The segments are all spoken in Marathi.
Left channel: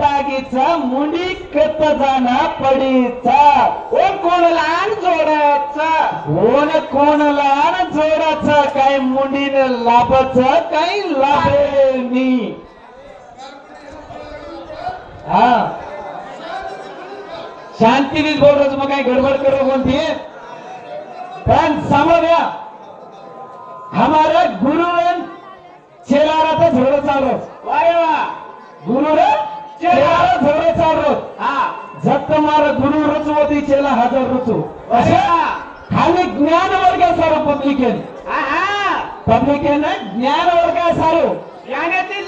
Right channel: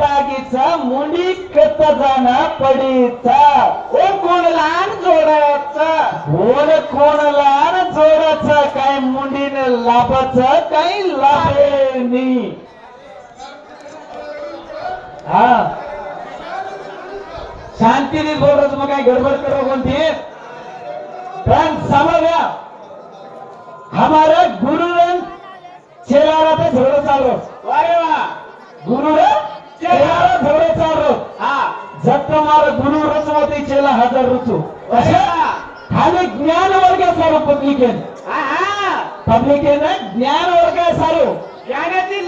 टाकीचा मुंडी कत जाना पडीचा कोण लहान जोडाचा कोण लहान जोडाचं काय मुंडीने लाभाचं काही लाभेनी हा शांतीने बोलायचं मग काही गडबड करो कोणती पण समझ हमारा गुरु ने चेला रहा झगड़ा चाल रहा गुरु ने चेला झगड़ा चाल रहा जब तुम्हारा गुरु रचवती चेला हजार रुचो खाली ज्ञान वर्ग सारो पब्लिकेन ज्ञान वर्ग सारो ज्ञानाची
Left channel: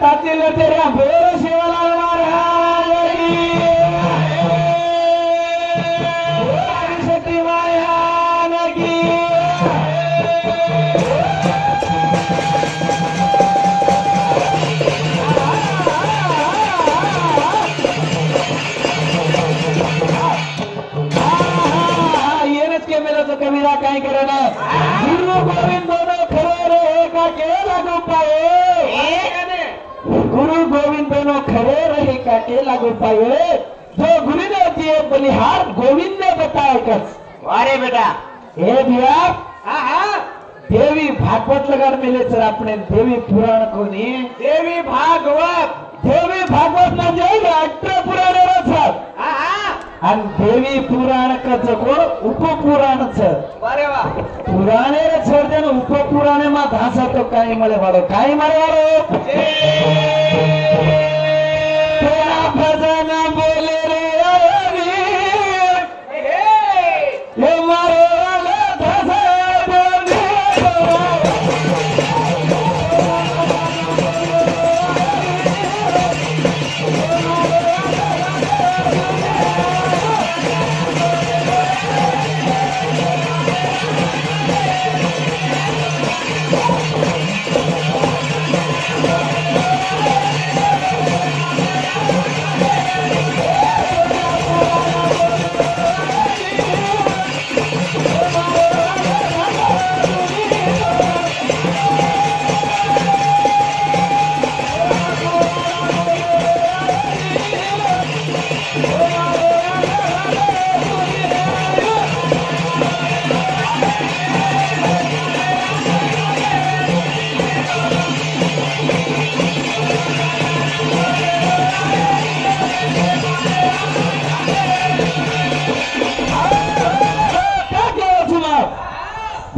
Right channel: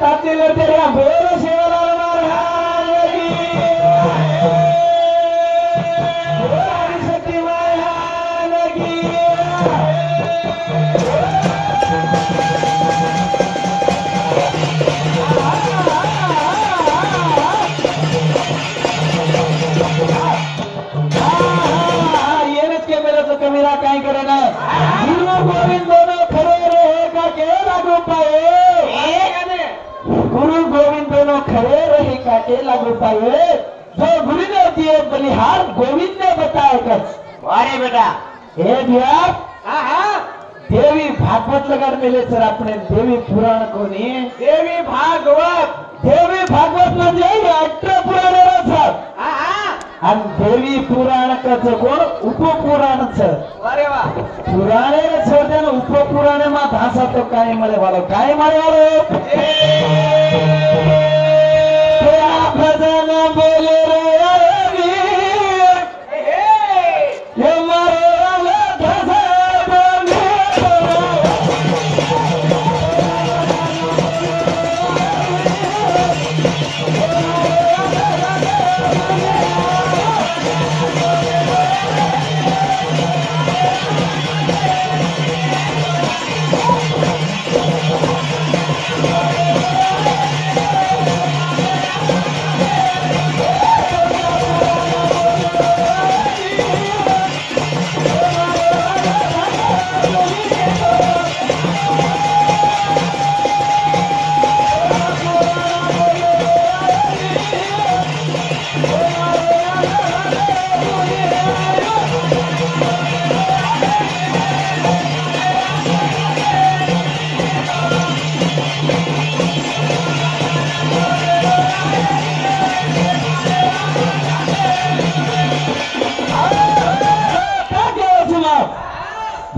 ताती लतेरिया बोल सेवाला कमीरा काय करना गुरु गोविंद दोनों खरे रहेगा के लागू पाए गुरु गोविंद दोनों खरे रहेगा के लागू पाए जो गुरु ने दिए बलिहार गोविंद ने बताया कर अरे बेटा हे व्याप देवी भागवत लगा मिले सर अपने देवी पुराण कोणी देवी भागवत म्हणजे अष्टपुराण सर आणि देवी पुराण कोण उपपुराणचं अरे वा पुराणे छोट्या उपपुराणे मा भाषा तो काय मला वालो काय मला वालो भजन बोले रे हे मारे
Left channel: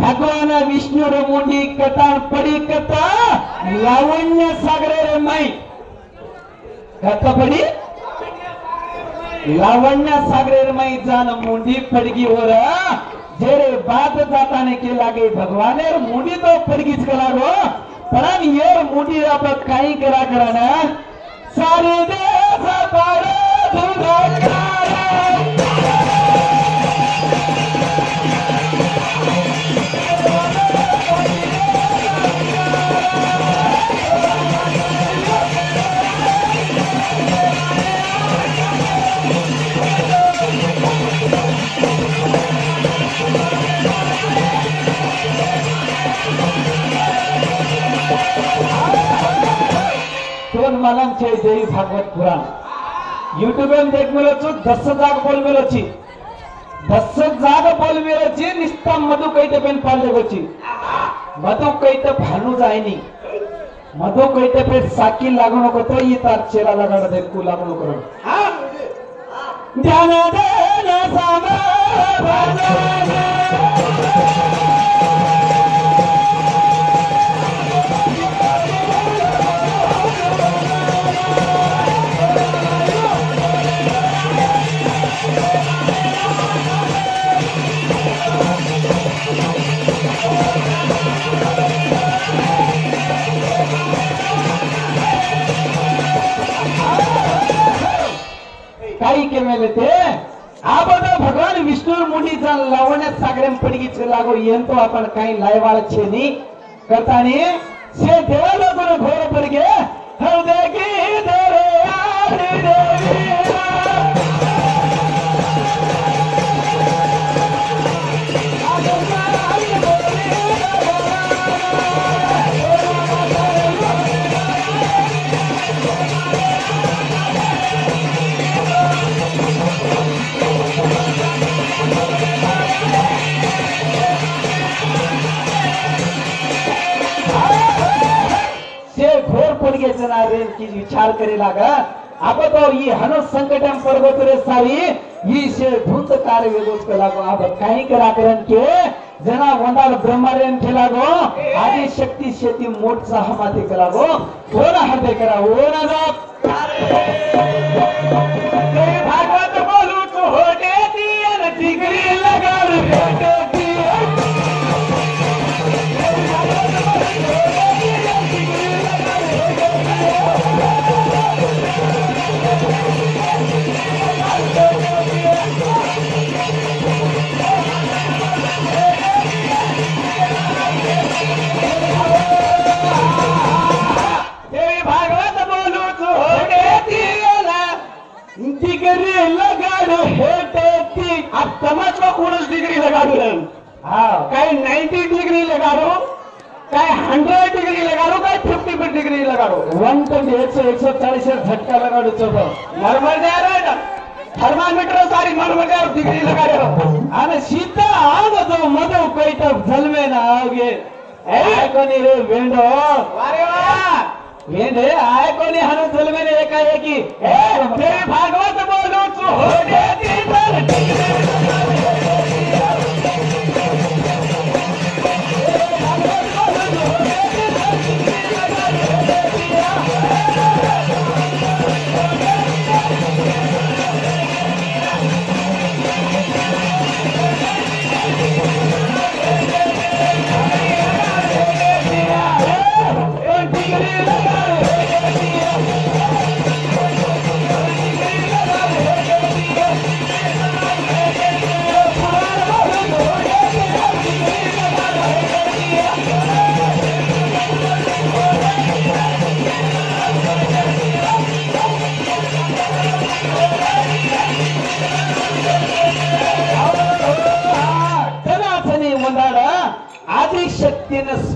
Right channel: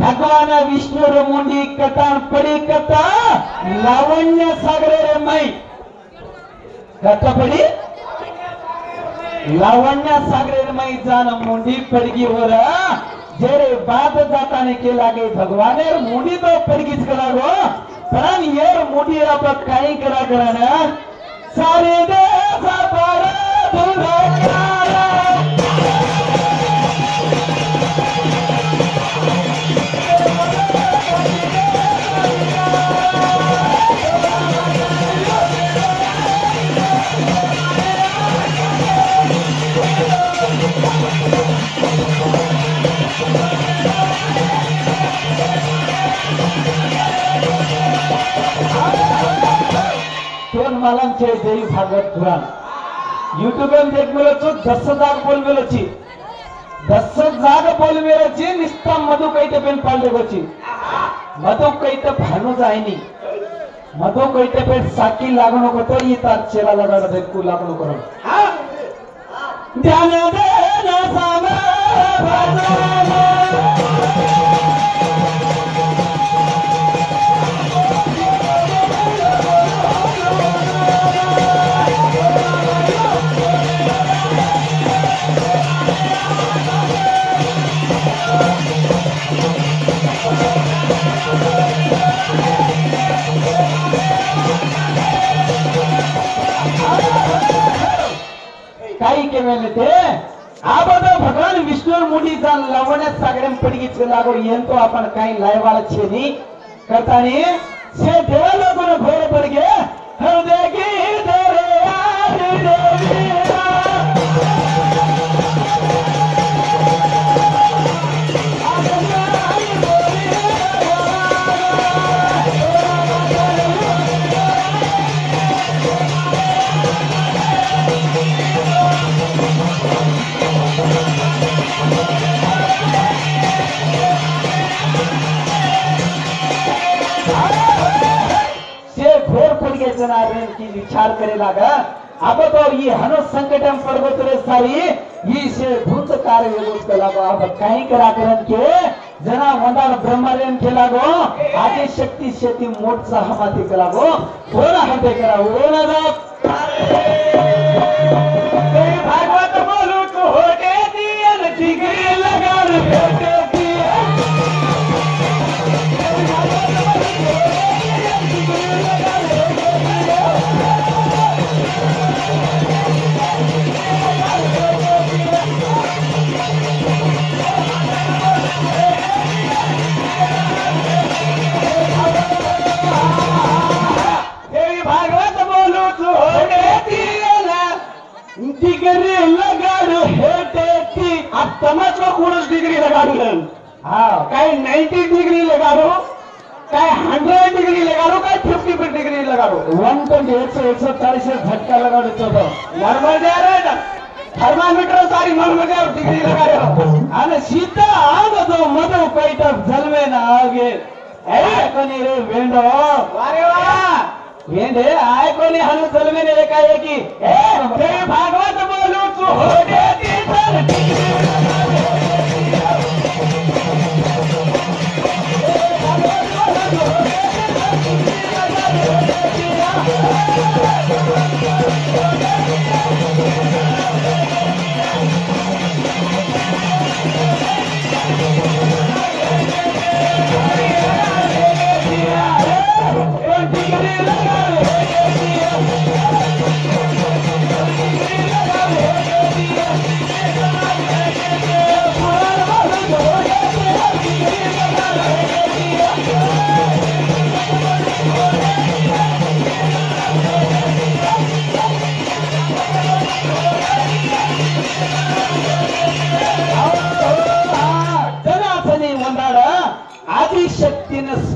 भगवान विष्णु मुंडी कथा पड़ी कथा लावण्य सागरे रमाई कथा पड़ी लावण्य सागरे रमाई जान मुंडी पड़गी हो रहा जेरे बात जाता ने के लागे भगवान मुंडी तो पड़गीच करा लो पर ये मुंडी आप काई करा करना सारे देश बड़ा धुरा देवी भागवत पुराण यूट्यूब देख मिलचु 10 जाग बोल मिलची 10 जाग बोल मिलची निस्ता मधु कईते पेन पालते बची मधु कईते भानु जायनी मधु कईते पे साकी लागू नको तो ये तार चेला लगा दे को लागू नको ध्यान दे ना सामा भगवान विष्णु मुंडी जान लावण्या सागरम पडगी लागो येंतो आपण काही लायवाळ छेनी करतानी से देवाला गुण भोर पडगे हो देगी देरे आरी देवी जना रेन की विचार करेला गा अब तो ये हनु संकटम पर्वत रे सारी ये से धुंध कार्य वेदोस कला गो अब काही करा करन के जना वंदार ब्रह्मरेन केला गो आदि शक्ति शेती मोठ सहमती कला गो कोना हते करा ओना जा ते भागवत बोलू तू हो दे दियन डिग्री लगा दे डिग्री लगा दो हाँ काय 90 डिग्री लगा दो काय 100 डिग्री लगा दो काय 50 डिग्री लगा दो 120 140 झटका लगा दो चलो नॉर्मल दे रे थर्मामीटर सारी नॉर्मल दे डिग्री लगा दो आणि सीधा आग दो मधो पेट जलवे ना आगे ए कोणी रे वेंडो अरे वाह वेंडे आय कोणी हन जलवे ने एकाएकी ए ते भागवत बोलू तू हो दे ती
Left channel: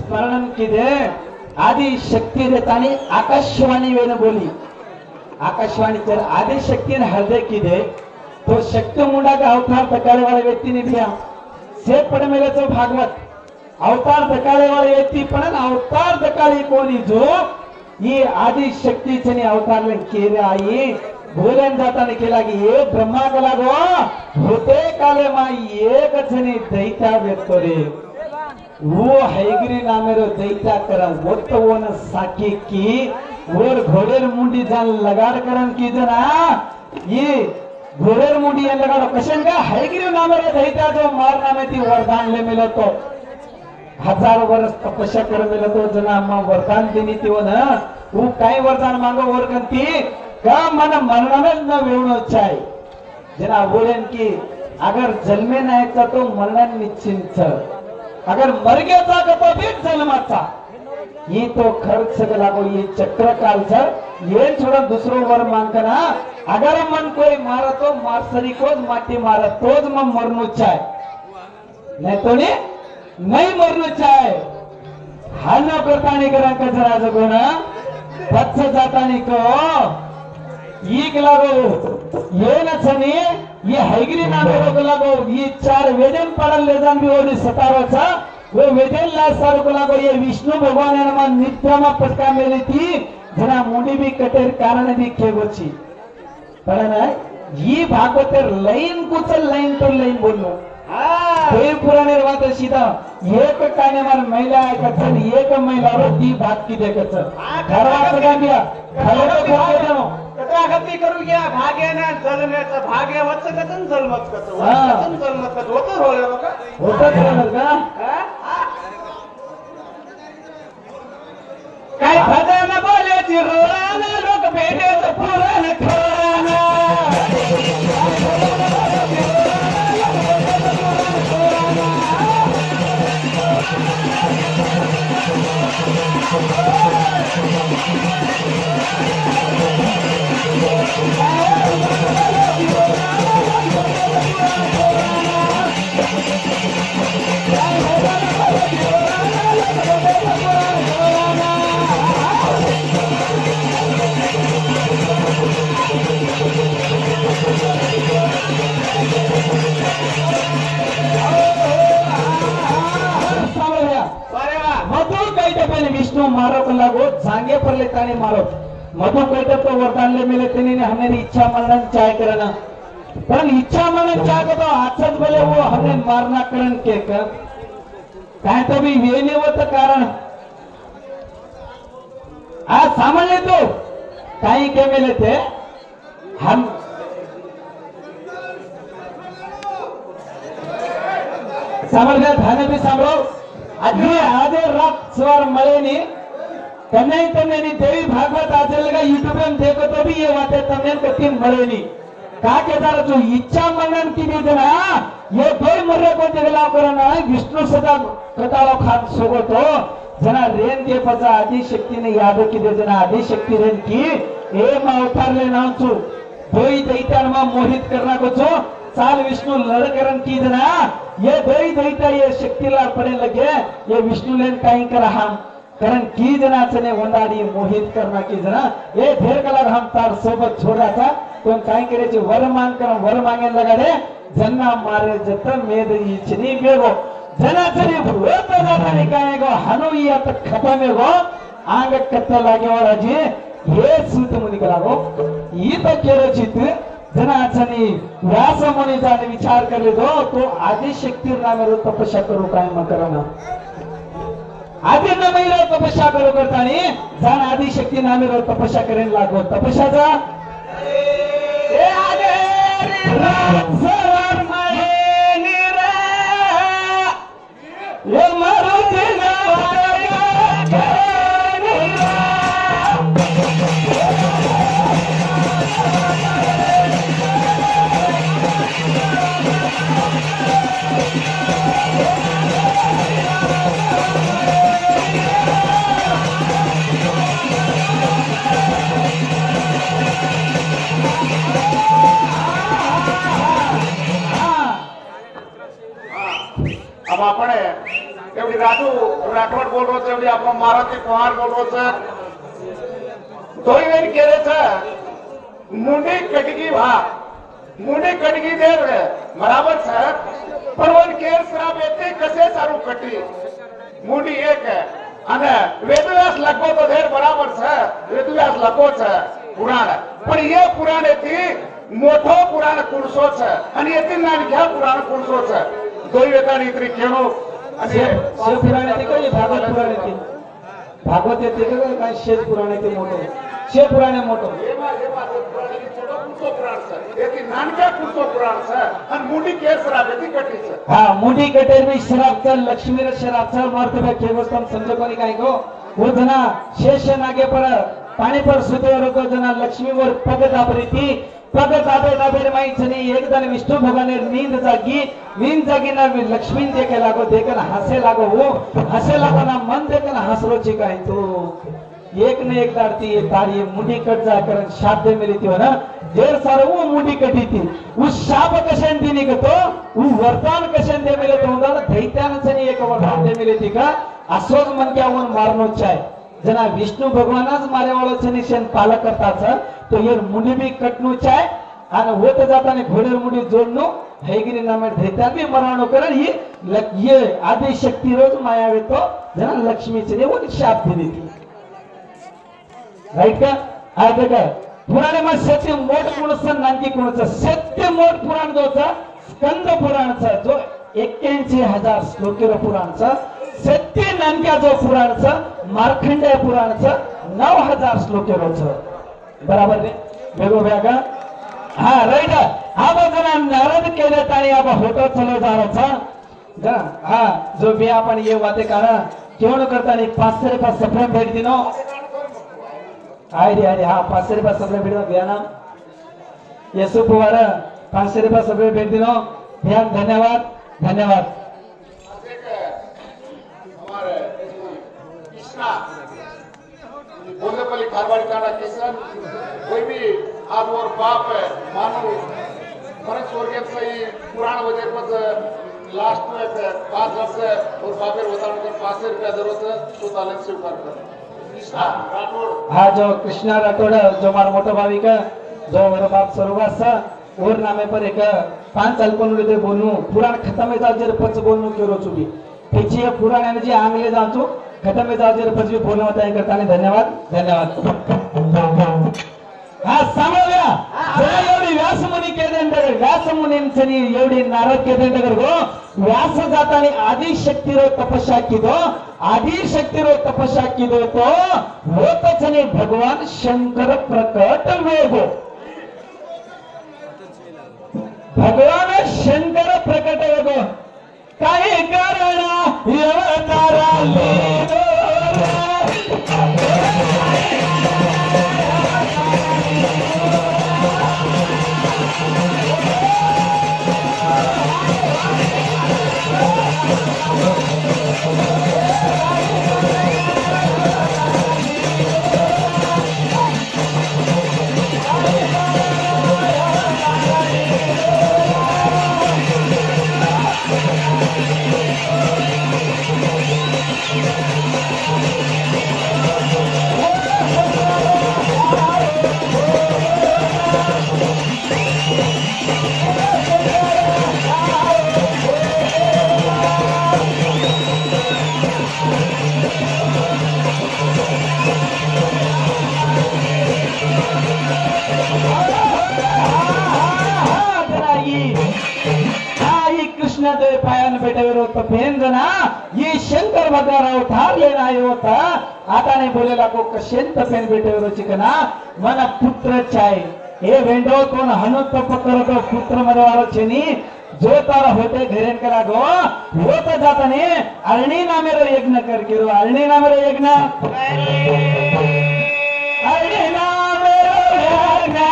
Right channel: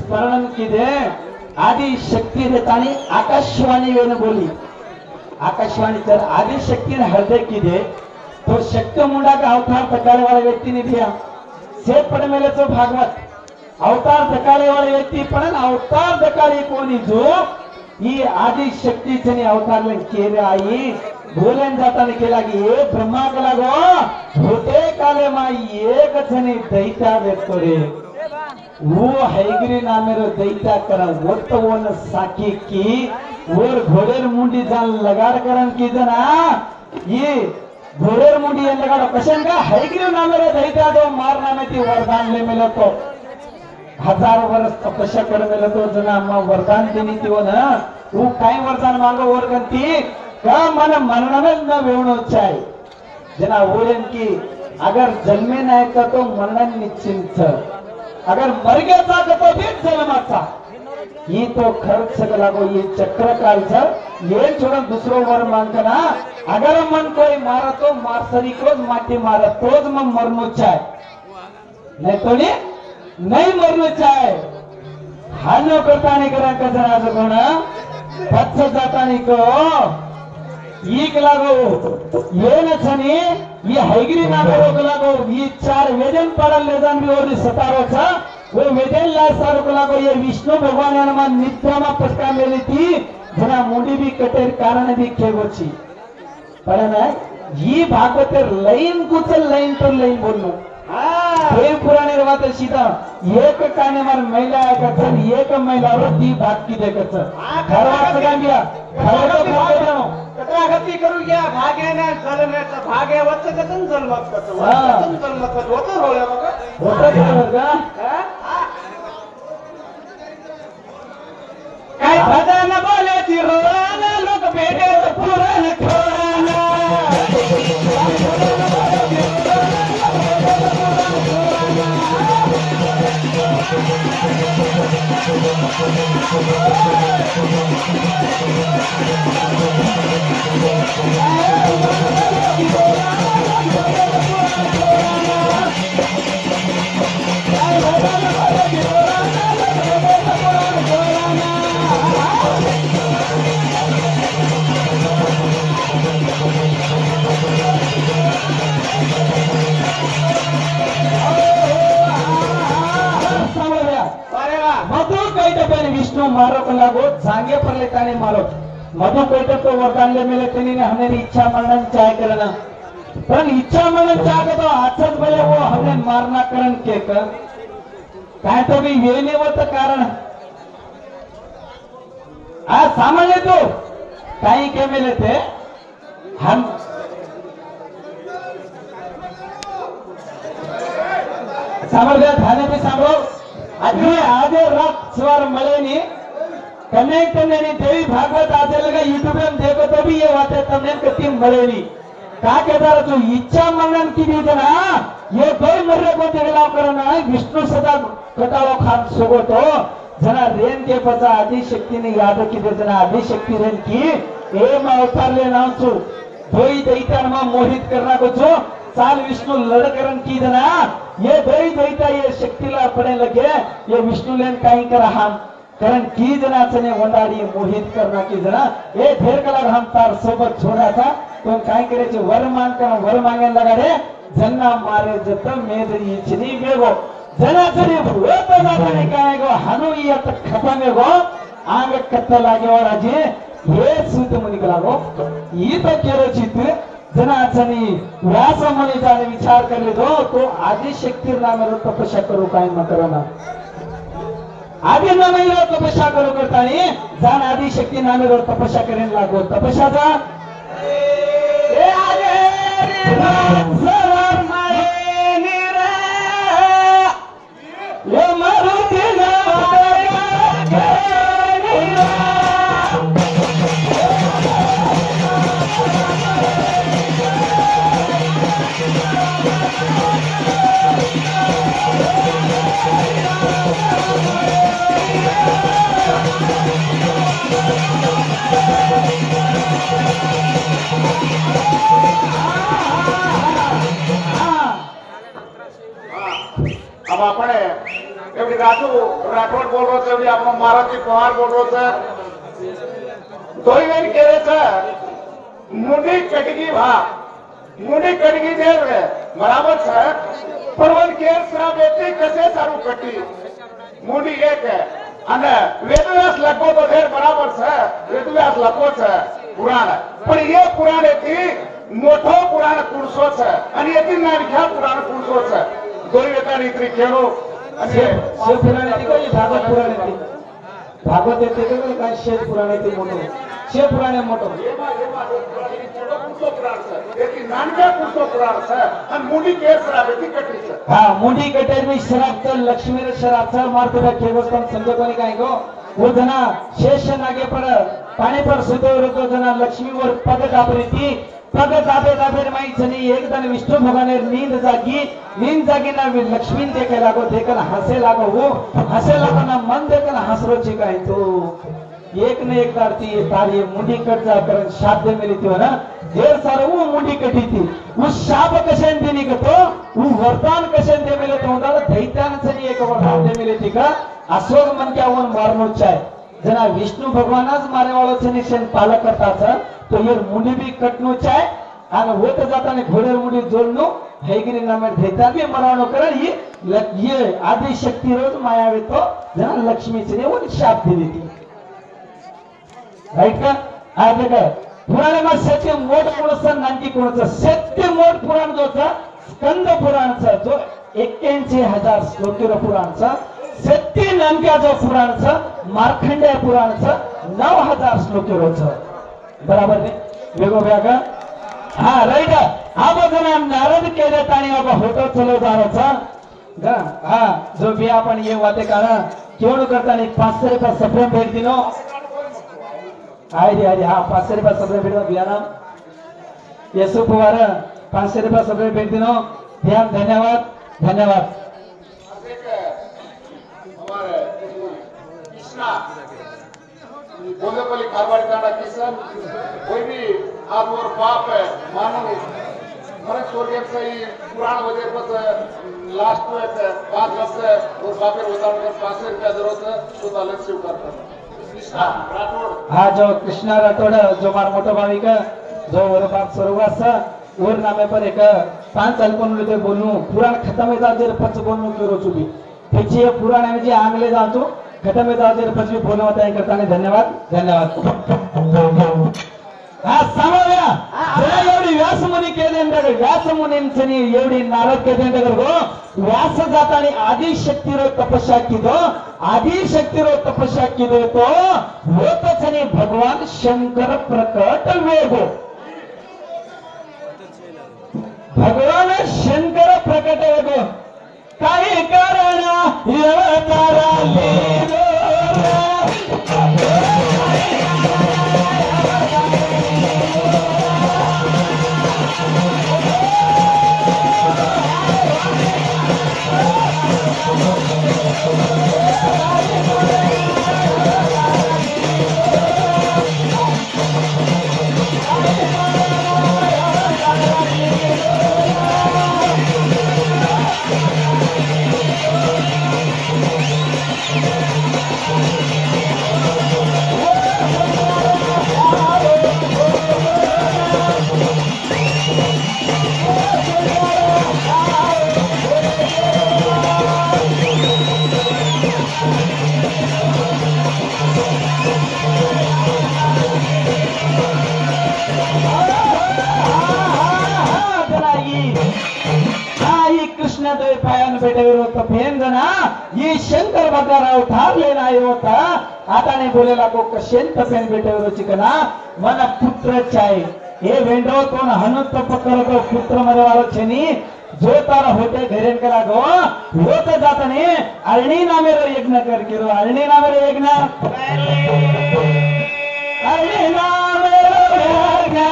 स्मरण किदे आदि शक्ति देतानी आकाशवाणी वेणु बोली आकाशवाणी तर आदि शक्ति ने हृदय किदे तो शक्ति मुंडा का अवतार धकाले वाले व्यक्ति ने दिया से पढ़ मेले तो भागवत अवतार धकाले वाले व्यक्ति पण अवतार धकाले कोणी जो ये आदि शक्ति चनी अवतार ले केले आई भोलेन जाताने केला की ये ब्रह्मा कला गो होते काले मा एक जनी दैता व्यक्त रे वो हैगिरी नामेरो दैता करा वोटवन साकी की और घोड़ेर मुंडी जान लगाड़ करन की जना ये घोड़ेर मुंडी लगाड़ कशन का हैगिरी नामेरो दैता दो मार नामे ती वरदान ले मिले तो 1000 वर्ष तपस्या कर मिले तो जना अम्मा वरदान देनी थी वो ना वो काय वरदान मांगो वरकंती का मन मरना न वेणु चाहे जना बोलेन की अगर जन्मे नाही तो मरण निश्चिंत अगर मर गया था तो भी जन्माचा ये तो खर्च लागो ये चक्र काल ये छोड़ा दूसरों वर मांगना अगर मन कोई मारा तो मारसरी को माटी मारा तो मन मरनु चाहे नहीं तो नहीं मरनु चाहे हानो करता नहीं करा कजरा जगोना पच्च जाता नहीं को ईक लागो ये न छनी ये हैगिरी नामे रोग लागो ये 4 वेदन पढ़ल ले जान भी और 17 चा वो वेदन ला सार को लागो ये विष्णु भगवान ने मन निद्रा में पटका मेली थी जना मुंडी भी कटेर कारण भी खेगोची कारण है ये भागवतर लाइन कुचल लाइन तो लाइन बोलनो देव पुराणे वात सीधा एक काने मार महिला कचन एक महिला रो ती भाग की देखच घरवा सगळा गया घरवा भाग जानो कथागती करू गया भागे ने जलने भागे वच्च कचन जलमत कचन जलमत कच होतो रोले होतो का काय भजन बोले ती रोना लोक भेटे पुराण खोराना पण विष्णु मारो को लागो जांगे पर ले ताने मारो मधु कहते तो वरदान ले मिले तेनी ने हमें इच्छा मनन चाय करना पण इच्छा मनन चाय तो आचज बोले वो हमें मारना करण के कर काय तो भी वेने होत कारण आज सामान्य तो काही के मिले थे हम सामर्थ्य ध्यान भी सांभळो आधे रात सवार मळेनी कन्या देवी भागवत आचलेगा यूट्यूब में देखो तो भी ये बातें तमने कतीन मळेनी का कहता जो इच्छा मनन की भी जना ये कोई मर्रे को देवला करना विष्णु सदा कटालो खान सोगो तो जना रेन के पचा आदि शक्ति ने याद की दे जना आदि शक्ति रेन की एक अवतार ले नाम छु दोई दैत्यान में मोहित करना को छो साल विष्णु लड़करन की जना ये दोई दैत्य ये शक्ति ला पड़े लगे ये विष्णु लेन काई कर हम कारण की जना चने वंदाड़ी मोहित करना की जना ये ढेर कलर हम तार सोबत छोड़ा था तो काई करे जो वर मांगे लगा रे जना मारे जत मेदरी इचनी बेगो जना चने भूत जाने काए गो हनु ये तक खत्म में गो आगे कत्ते लागे और अजे ये सूत मुनि को लागो ये तो केरो चित जना चनी व्यास मनी जाने विचार कर ले दो तो आदि शक्ति नाम रो तपस्या करो काई मत करना आदि नाम रो तपस्या करो करता नहीं जान आदि शक्ति नाम रो तपस्या करें लागो तपस्या जा ए आगे सवार माए निरा ये मारुति नवाया राठोड बोल रहा था आपण मारुती पवार बोल रहा था दोई वेन केले था मुंडी कटगी देर बराबर है परवन केर श्रावेती कसे सारू कटी मुंडी एक है અને વેદવ્યાસ લખો તો ધેર બરાબર છે વેદવ્યાસ લખો છે પુરાણ પણ એ પુરાણેથી મોટો પુરાણ કુણસો છે અને એથી નાનખા પુરાણ કુણસો છે दोई वेतानी इतनी केनो शिव पुराणे ती काही भागवत पुराणे ती भागवत येते का काय शिव पुराणे ती मोठो शिव पुराणे मोठो हाँ मुंडी कटेरनी शराब चल लक्ष्मी शराब चल मारते बा केवस्तम समझो कोणी काय गो वो जना शेष नागे पर पाणी पर सुतो रतो जना लक्ष्मी वर पग दाबरी ती पग दाबे माई चनी एक दिन विष्णु भगवान नींद जागी ना लक्ष्मी देखे लागो देखन हसे लागो वो हसे लागो ना मन देखन हसरो चिकाई तो एक ने एक दारती ये तार ये मुंडी कट जा कर शाब्द मिली थी ना देर सारे वो मुंडी कटी थी उस शाप कशेन दिनी को तो वो वरदान कशेन दे मिले तो उधर दैत्यान से एक वरदान दे मिली थी का अशोक मन क्या उन मारनो चाहे जना विष्णु भगवानच मारे वालों से निशन पालक करता था तो ये मुंडी भी कटनो चाहे आणि होत जाताना घोडेर मुंडी जोडनो हैगिरी नामे दैत्या भी मरानो कर ये आदि शक्ति रोज मायावे तो जना लक्ष्मी से वो शाप दिली थी राइट का आगे का पुराण में सत्य मोठ कोणचं नांकी कोणचं सत्य मोठ पुराण जोचा स्कंद पुराणचा जो 81,000 श्लोकीय पुराणचा सत्य नामक्या जो पुराणचं मार्कंडेय पुराणचं 9,000 श्लोकीयचं बराबर ने वेगवेगळ्या का हा राइट हा बघा नारद केले ताणी अब होतो चलो जाराचा हा जो भी आपण ये वाते करा केवळ करता नाही 500 रुपये सप्रेम भेट दिनो आयडी हा 500 रुपये सप्रेम भेट दिया ना यसु पवार 500 रुपये सप्रेम भेट दिनो ध्यान धन्यवाद बोले बोली खाबार जाना किसान कोई भी आज और बाप है मानो मरे स्वर्ग से ही पुराण हो जाए तो लास्ट में 5 वर्ष से वो बापे बताने के 500 रुपया जरूरत है तो अलग से कृष्णा राठौड़ हाँ जो कृष्णा राठौड़ जो हमारा मोटा भावी का जो वो बाप सरोगास और नामे पर एक 5 साल को बोलूं पुराण खत्म है जर पच बोलूं क्यों रोचुबी पीछे पुराण में जे आंगले जातो खत्म में जाओ પછી બોલવા હતા એ કરતા ધન્યવાદ हा सामोल्या जरा एवढी व्यासमुनी केल्यानंतर व्यासमुनींनी एवढी नारद केल्यानंतर गो व्यास जातानी आदि शक्तीरो तपस्या किदो आदि शक्तीरो तपस्या किदो तो होतचनी भगवान शंकर प्रकट वेगो भगवान शंकर प्रकट वेगो काही कारण अवतारा लेरो शंकर भद्राराव ठारलेला होता आता नाही बोलेला को कशेंत पेन भेटवरो चिकना मला पुत्र चाय हे वेंडो कोण हनुत पकड़तो पुत्र मध्ये वालो छेनी जो तारा होते घरेन करा गो होता जाताने अरणी नामेरो यज्ञ कर किरो अरणी नामेरो यज्ञ अरणी नामेरो यज्ञ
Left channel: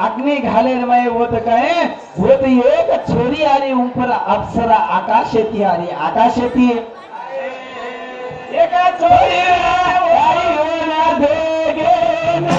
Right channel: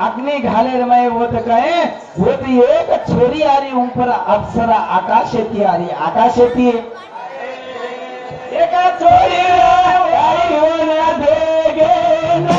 अग्नि घाले रमाए वो तो कहे वो तो एक छोरी आ रही ऊपर अप्सरा आकाशेती आ रही आकाशेती एक छोरी आई होना देगे ना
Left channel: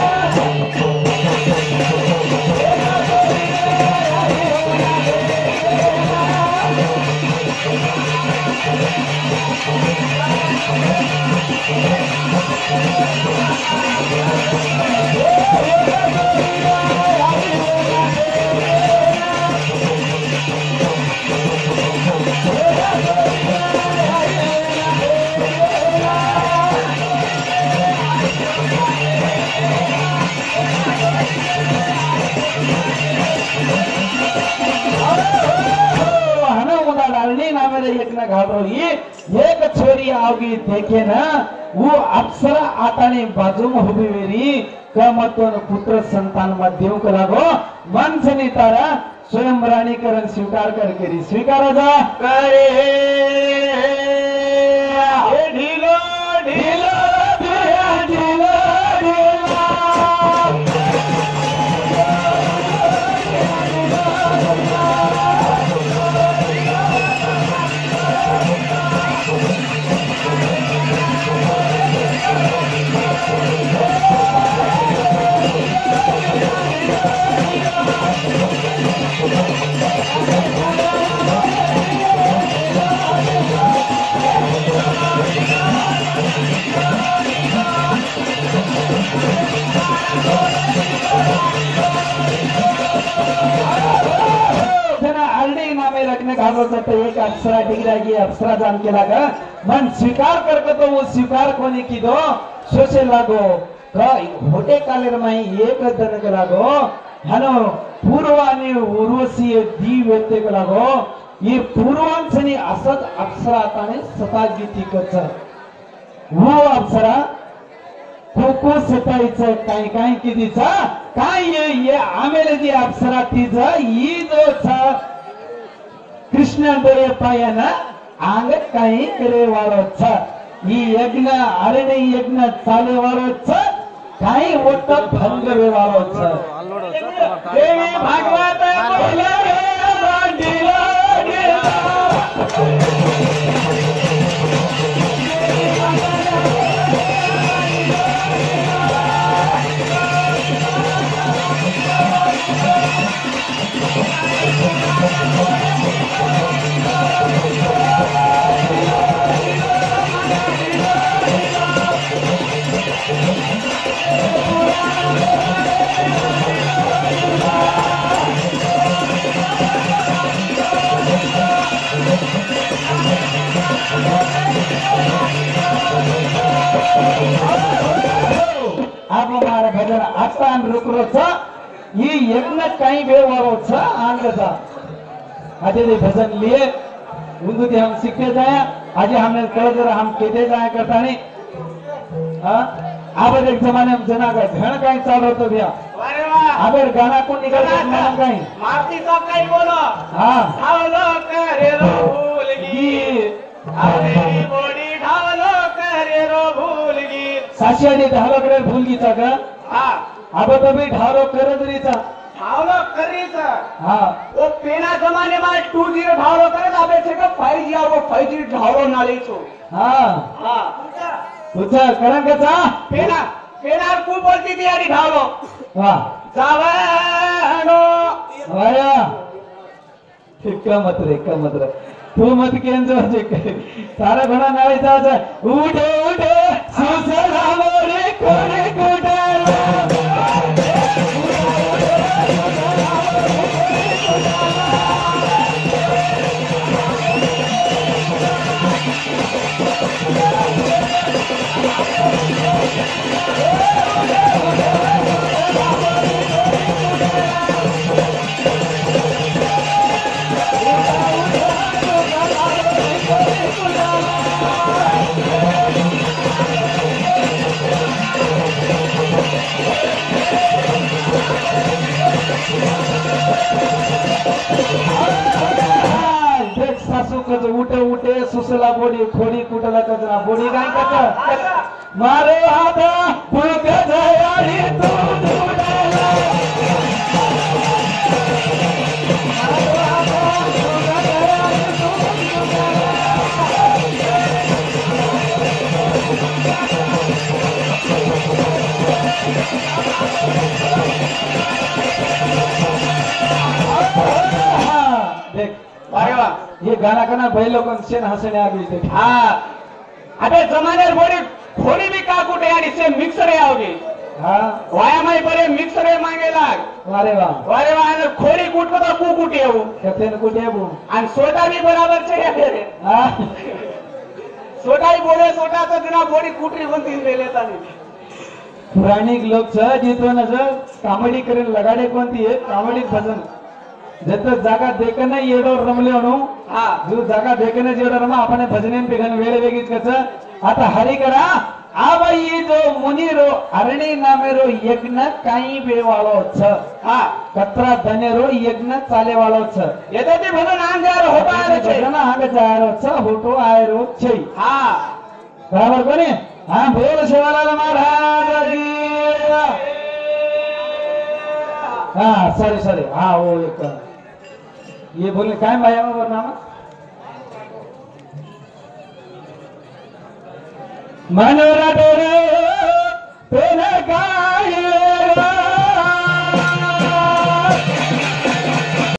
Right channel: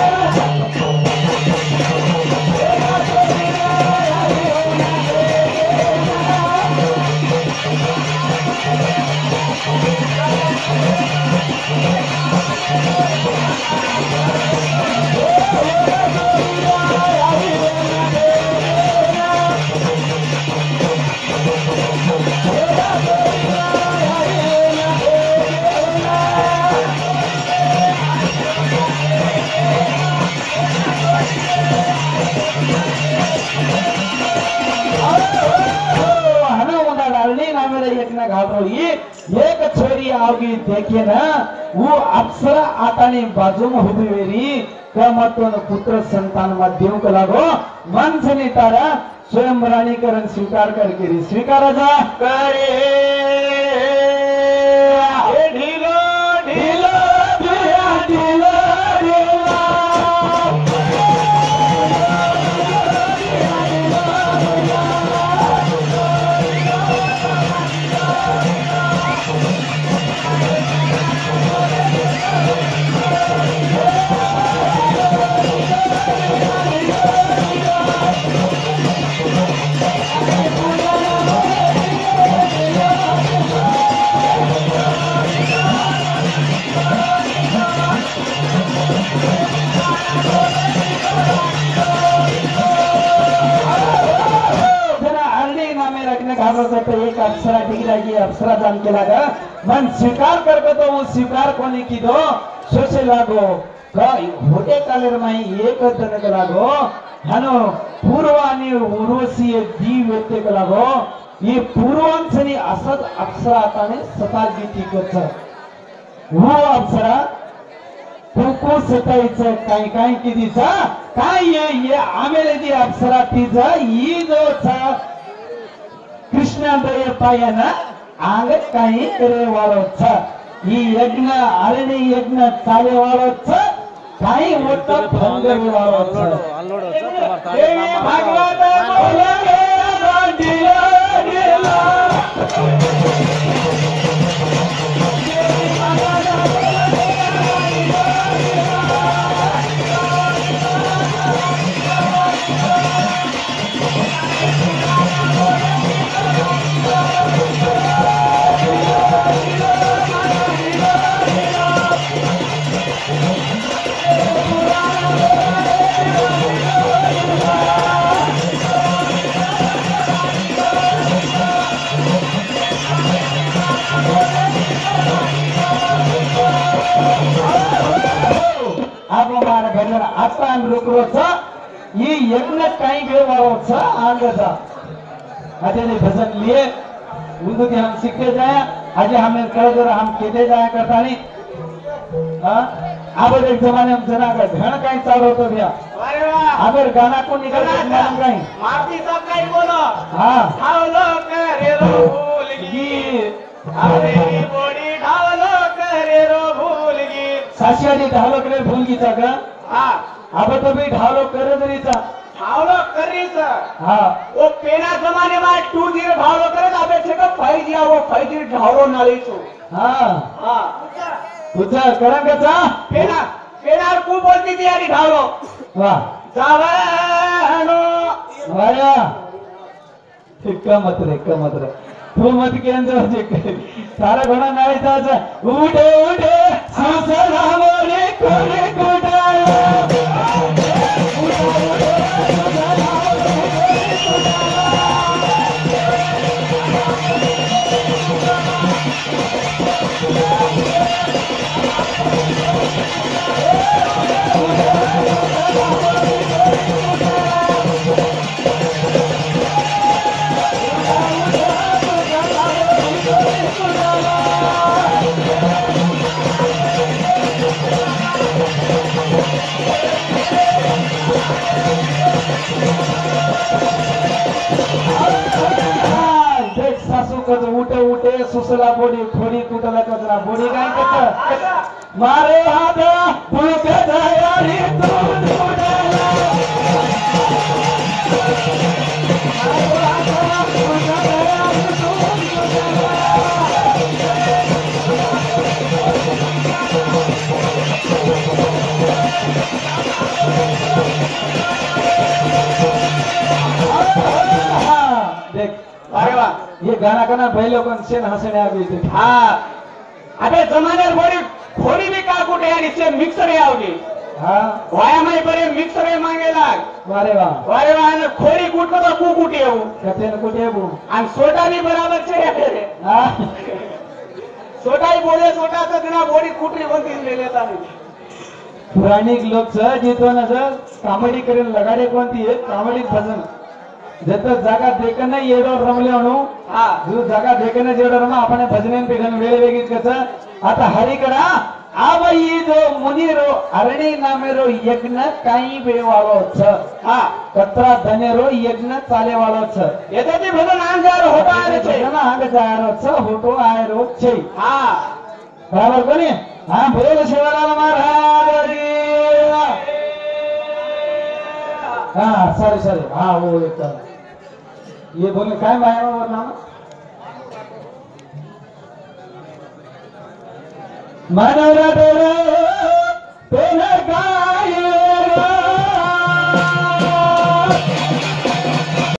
एक छोरी आओगी देखे ना वो अप्सरा आताने बाजू में उभी वेरी का मतोन पुत्र संतान मध्यम को लागो मन से नहीं तारा स्वयं रानीकरण स्वीकार करके स्वीकार जा करे ढीलो ढीलो ढीलो एक अप्सरा डिग्रा की अप्सरा जान के लगा मन स्वीकार करके तो वो स्वीकार कोने की दो सोचे लागो होटे कालेर में एक दन के लागो हनो पूर्वानी उर्वशी दी व्यक्ति के लागो ये पूर्वांशनी असद अप्सरा ताने सताजी टिकच वो अप्सरा को सतायचं काय काय कितीचा काय ये आमेले दी अप्सरा तीचा ई जो कृष्ण पायन आंग काही करे वाळो छ ಈ ಯಜ್ಞ ಅರಣಿ ಯಜ್ಞ ಚಾಲೆ ವಾಳೋ छ काही होत भंग व्यवहार ये यज्ञ कहीं गए वालों आंध्र अजय भजन लिए उनको कि हम सीखते जाए अजय हमने कर दो हम कहते जाए करता नहीं अब एक जमाने में जना का धन कहीं चालू होता भैया अब गाना को निकल कहीं मारती सब कहीं बोलो हाँ ढालो करे रो भूलगी अरे बड़ी ढालो करे रो भूलगी सासिया जी ढालो करे भूलगी का हाँ अब तो भी ढालो करे जरीचा ढालो करी था हाँ वो पेना जमाने में 2G ढालो करे अबे छे का 5G और वो 5G ढालो ना ली छो हाँ हाँ तुझा करन का पेना पेना को बोलती थी यारी ढालो हाँ जावनो आया इक्का मत रे तू मत के अंदर जे तारे घोड़ा नाई था उठे उठे सुसरा मोरे कोरे कुटाया उठे सुसला बोडी खोडी कुटला कचरा बोडी काय करत मारो हात भूक जयारी तू देख ये गाना का ना भाई लोगों से हंसने आ गई थी हाँ अबे जमाने बोली खोली भी का कुटे यार इससे मिक्सर है आओगी हाँ वाया माई बरे मिक्सर है मांगे लाग वारे वाह ना खोली कूट तो कू कुटे हो कहते हैं कुटे वो आणि सोटा भी बराबर छे हाँ सोटा ही बोले सोटा तो बिना बोडी कुटी बोलती ले लेता नहीं पुरानी लोग छ जीतो ना सर कॉमेडी करे लगाडे कोणती आहे कॉमेडी भजन जत जागा देखने येडो रमले अनु हाँ जो जागा देखने जेडो रमला आपण भजनेन पेगन वेळे वेगीच कस आता हरी करा आव ये जो मुनिरो अरणी नामेरो यज्ञ काही वेळ वालो छ हाँ कतरा धनेरो यज्ञ चाले वालो छ येतो ते भजन आंजार होता आले छे भजन आंग जायरो छ होतो आयरो छे हाँ बराबर कोणी हाँ बोल शिवलाल महाराज की हाँ सॉरी हाँ वो एक ये बोले काय माया में बोलना मनोरा पेन का